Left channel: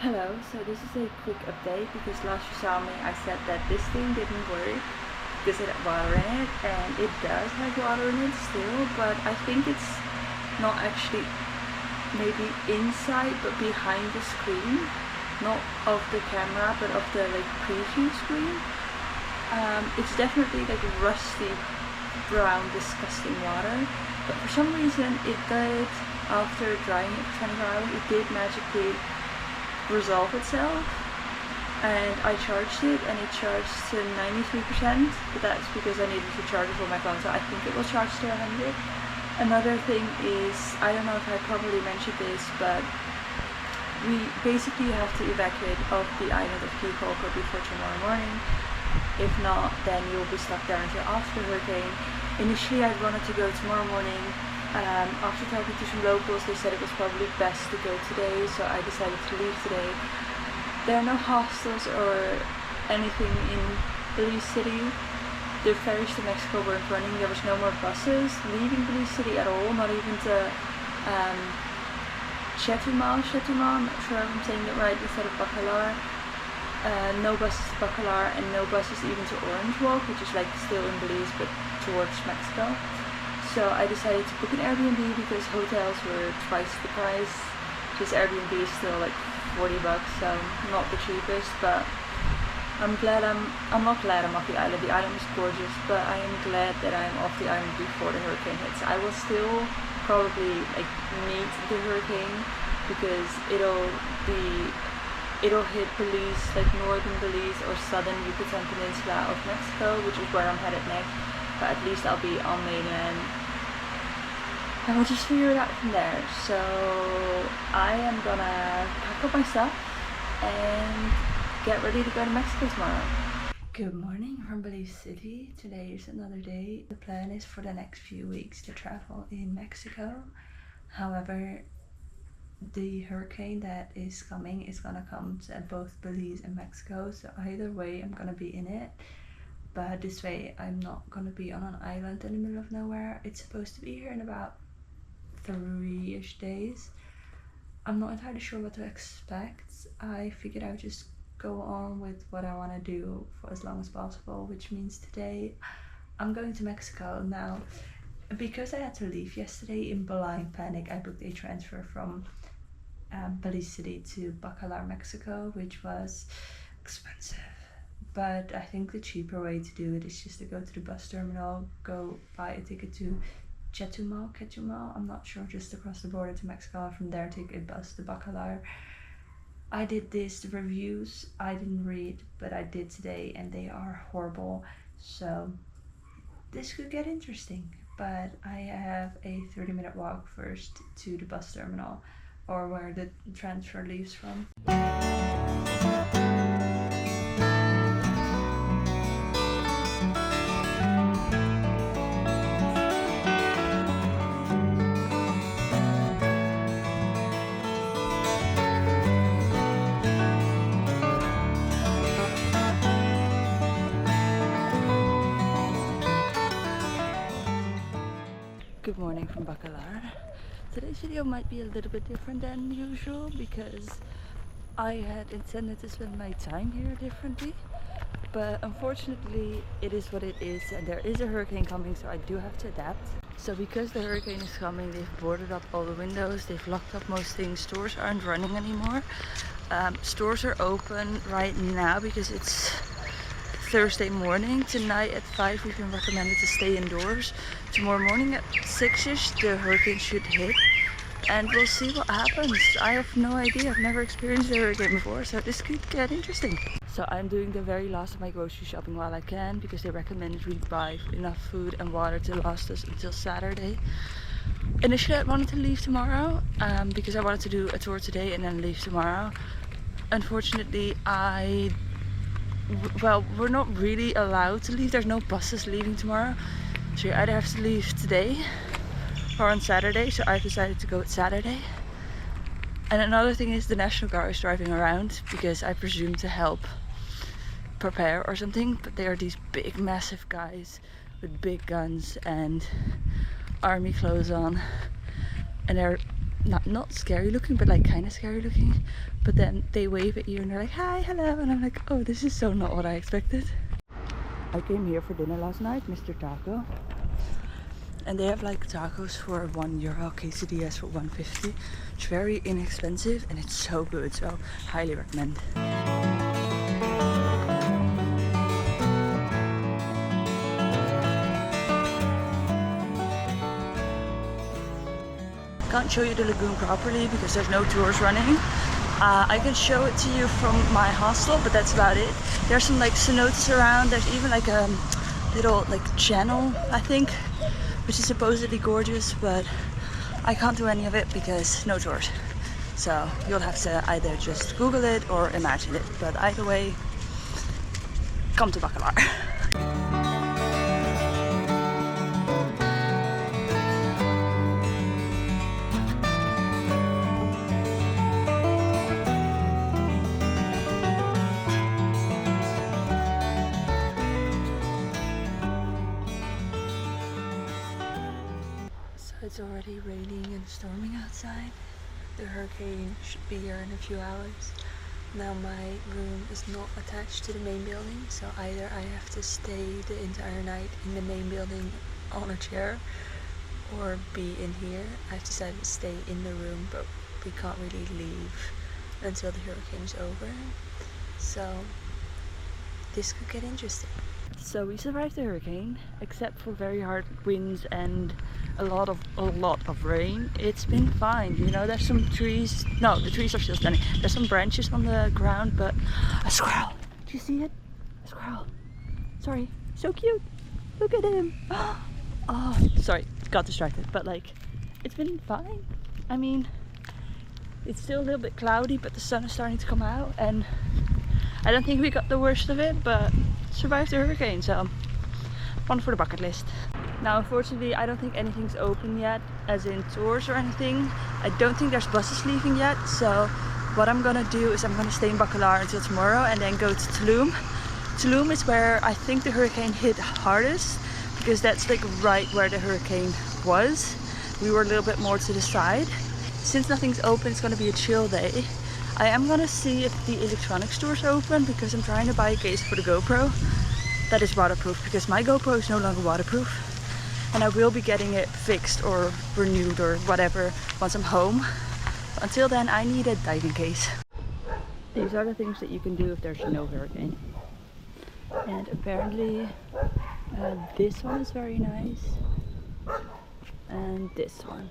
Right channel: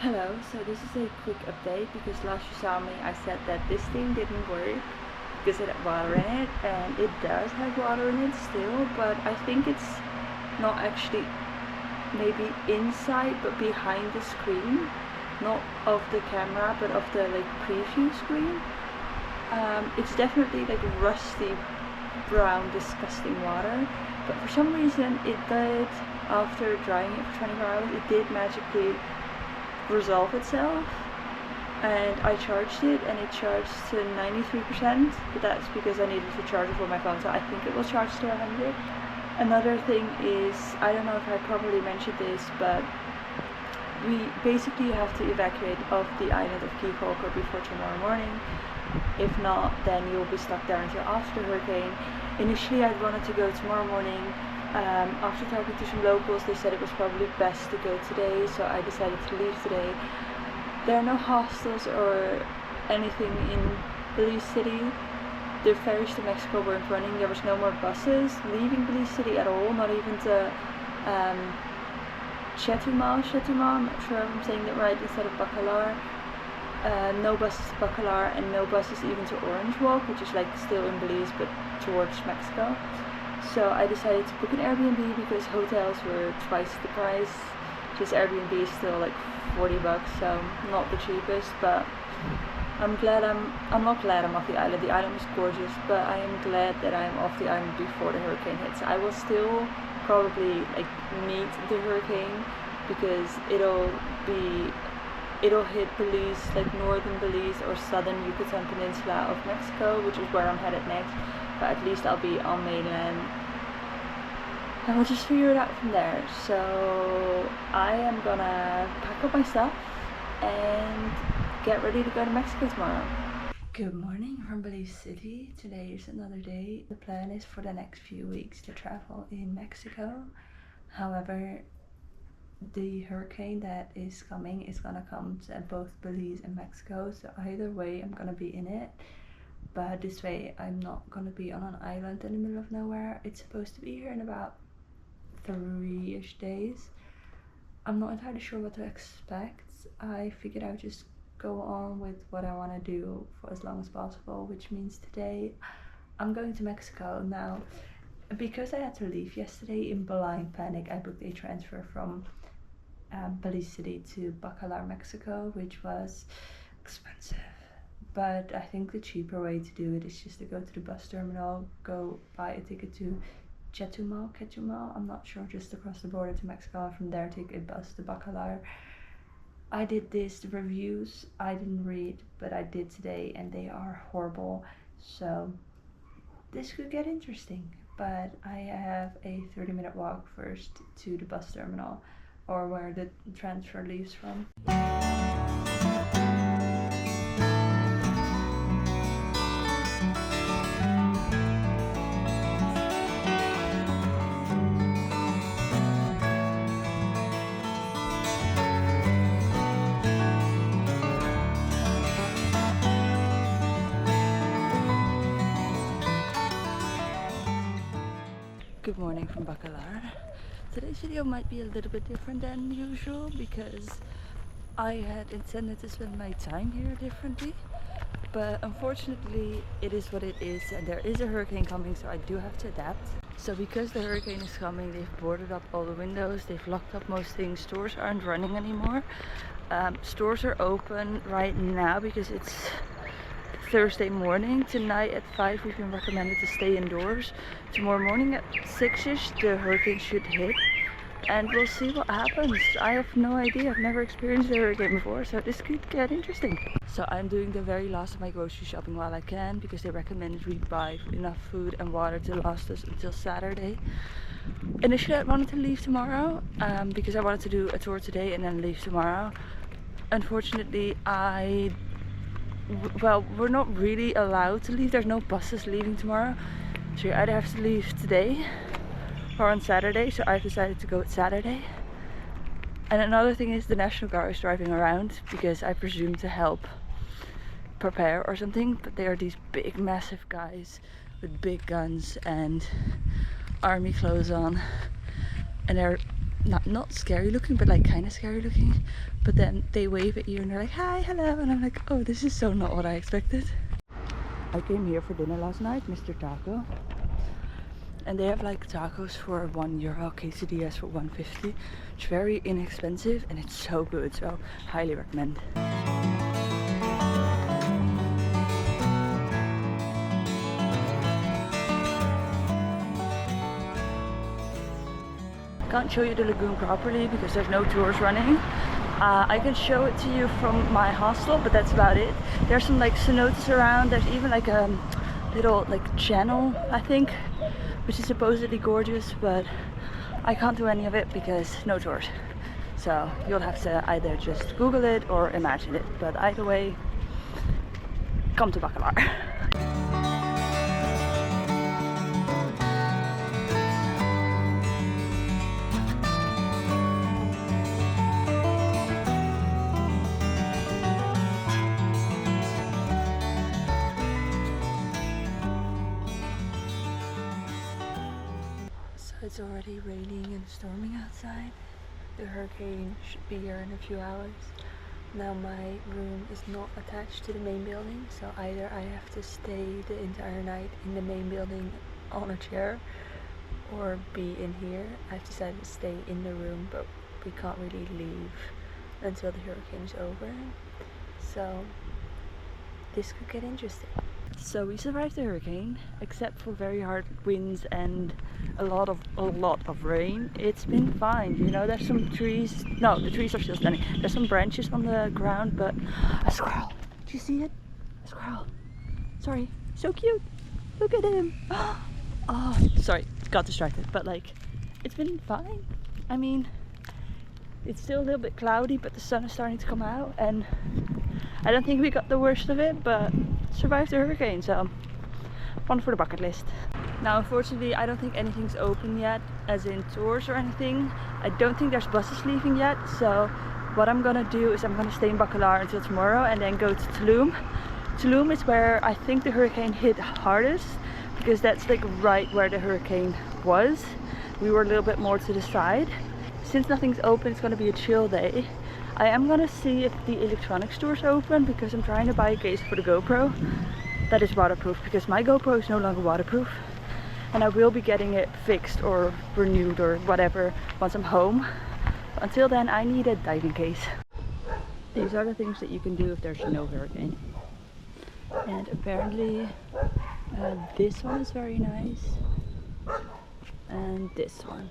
Hello, so this is a quick update because last you saw me I said that this thing didn't work because it had water in it, and it does have water in it still, but I think it's not actually maybe inside but behind the screen, not of the camera but of the preview screen. It's definitely like rusty brown disgusting water, but for some reason it did, after drying it for 24 hours, it did magically resolve itself, and I charged it and it charged to 93%, but that's because I needed to charge it for my phone, so I think it will charge to 100. Another thing is, I don't know if I properly mentioned this, but we basically have to evacuate off the island of Key before tomorrow morning. If not, then you'll be stuck there until after the hurricane. Initially I wanted to go tomorrow morning. After talking to some locals, they said it was probably best to go today, so I decided to leave today. There are no hostels or anything in Belize City. The ferries to Mexico weren't running. There was no more buses leaving Belize City at all, not even to Chetumal, I'm not sure if I'm saying that right, instead of Bacalar. No buses to Bacalar, and no buses even to Orange Walk, which is like still in Belize but towards Mexico. So I decided to book an Airbnb because hotels were twice the price. This Airbnb is still like 40 bucks, so not the cheapest, but I'm not glad I'm off the island. The island was gorgeous, but I am glad that I'm off the island before the hurricane hits. I will still probably meet the hurricane because it'll hit Belize, like northern Belize or southern Yucatan Peninsula of Mexico, which is where I'm headed next. But at least I'll be on mainland, and we'll just figure it out from there. So I am gonna pack up my stuff and get ready to go to Mexico tomorrow. Good morning from Belize City. Today is another day. The plan is for the next few weeks to travel in Mexico. However, the hurricane that is coming is gonna come to both Belize and Mexico, so either way I'm gonna be in it. But this way I'm not gonna be on an island in the middle of nowhere. It's supposed to be here in about 3-ish days. I'm not entirely sure what to expect. I figured I would just go on with what I want to do for as long as possible, which means today I'm going to Mexico. Now, because I had to leave yesterday in blind panic, I booked a transfer from Belize City to Bacalar, Mexico, which was expensive. But I think the cheaper way to do it is just to go to the bus terminal, go buy a ticket to Chetumal, I'm not sure, just across the border to Mexico, and from there take a bus to Bacalar. I did this, the reviews I didn't read, but I did today, and they are horrible, so this could get interesting. But I have a 30-minute walk first to the bus terminal, or where the transfer leaves from. Good morning from Bacalar. Today's video might be a little bit different than usual because I had intended to spend my time here differently, but unfortunately it is what it is, and there is a hurricane coming, so I do have to adapt. So because the hurricane is coming, they've boarded up all the windows, they've locked up most things, stores aren't running anymore. Stores are open right now because it's Thursday morning. Tonight at 5 we've been recommended to stay indoors. Tomorrow morning at 6-ish the hurricane should hit, and we'll see what happens. I have no idea, I've never experienced a hurricane before, so this could get interesting. So I'm doing the very last of my grocery shopping while I can, because they recommended we buy enough food and water to last us until Saturday. Initially I wanted to leave tomorrow because I wanted to do a tour today and then leave tomorrow. Unfortunately we're not really allowed to leave. There's no buses leaving tomorrow, so you either have to leave today or on Saturday, so I've decided to go Saturday. And another thing is the National Guard is driving around because I presume to help prepare or something, but they are these big massive guys with big guns and army clothes on, and they're not scary looking, but like kind of scary looking. But then they wave at you and they're like, hi, hello, and I'm like, oh, this is so not what I expected. I came here for dinner last night, Mr. Taco, and they have like tacos for €1, quesadillas for $1.50. It's very inexpensive and it's so good, so highly recommend. Can't show you the lagoon properly because there's no tours running. I can show it to you from my hostel, but that's about it. There's some like cenotes around. There's even like a little like channel, I think, which is supposedly gorgeous, but I can't do any of it because no tours. So you'll have to either just Google it or imagine it. But either way, come to Bacalar. It's already raining and storming outside. The hurricane should be here in a few hours. Now my room is not attached to the main building, so either I have to stay the entire night in the main building on a chair or be in here. I've decided to stay in the room, but we can't really leave until the hurricane is over. So this could get interesting. So we survived the hurricane, except for very hard winds and a lot of rain. It's been fine, you know. There's some trees. No, the trees are still standing. There's some branches on the ground, but a squirrel. Do you see it? A squirrel. Sorry, so cute. Look at him. Oh, sorry, got distracted. But like, it's been fine. I mean, it's still a little bit cloudy, but the sun is starting to come out, and I don't think we got the worst of it, but survived the hurricane, so one for the bucket list. Now unfortunately I don't think anything's open yet, as in tours or anything. I don't think there's buses leaving yet, so what I'm gonna do is I'm gonna stay in Bacalar until tomorrow and then go to Tulum. Tulum is where I think the hurricane hit hardest, because that's like right where the hurricane was. We were a little bit more to the side. Since nothing's open, it's gonna be a chill day. I am gonna see if the electronic store's open, because I'm trying to buy a case for the GoPro that is waterproof, because my GoPro is no longer waterproof, and I will be getting it fixed or renewed or whatever once I'm home. But until then, I need a diving case. These are the things that you can do if there's no hurricane. And apparently this one is very nice, and this one.